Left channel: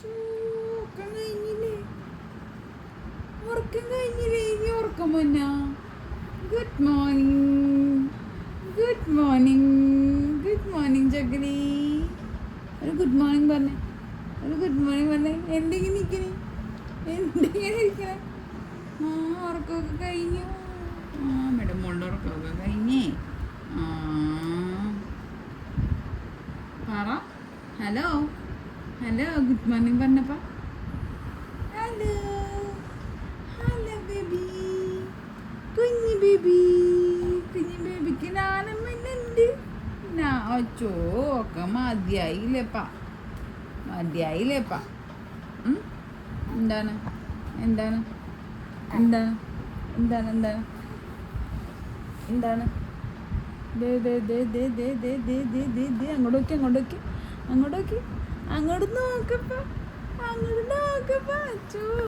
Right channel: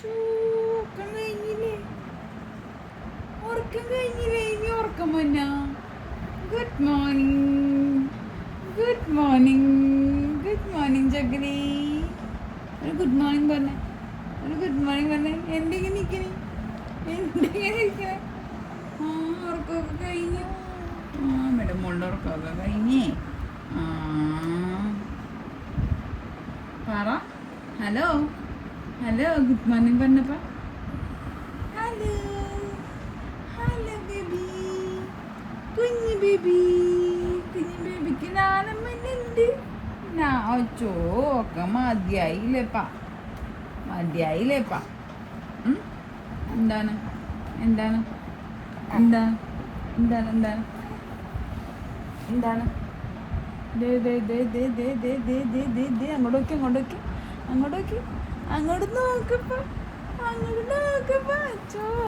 ചൂ, ഉറക്കം കഴിഞ്ഞില്ലേ? ഉറക്കം കഴിഞ്ഞില്ലേ? ഇനി ഉറക്കം പൊന്നാ good morning good morning good morning ചക്കരി ഒരു ഗുഡ് മോർണിംഗ് പറഞ്ഞേ. ഒരു ഗുഡ് മോർണിംഗ് പറഞ്ഞേ. എന്തെങ്കിലും നിൽക്കണേ എന്തെങ്കിലും ഇരിക്കണേ ആ ഉറക്കമൊക്കെ കഴിഞ്ഞു? ആ മേഡം മോളുടെ ഉറക്കമൊക്കെ കഴിഞ്ഞേ. ആ. പറ. ഹലോ. ഹലോ ഗുഡ് മോർണിംഗ് പറഞ്ഞപ്പോ. Hello hello baby. കുഞ്ഞി ബേബി. കുഞ്ഞി ബേബിക്ക് നാണം വന്നുണ്ട് അച്ചോ ഒക്കെ മതിയായില്ലേപ്പാ. മതിയായില്ലേപ്പാ? എന്താണ്? എന്താണ്? എന്താണ്? എന്താണ്? എന്താണ്? എന്താണ്? ദേ ദേ ദേ ദേ ദേ ദേ ദേ ദേ ദേ ദേ അങ്ങോട്ട് അങ്ങോട്ട് അങ്ങോട്ടേക്ക്. അങ്ങോട്ട് നോക്കപ്പോ അങ്ങോട്ട് നോക്കപ്പോ അച്ചോ.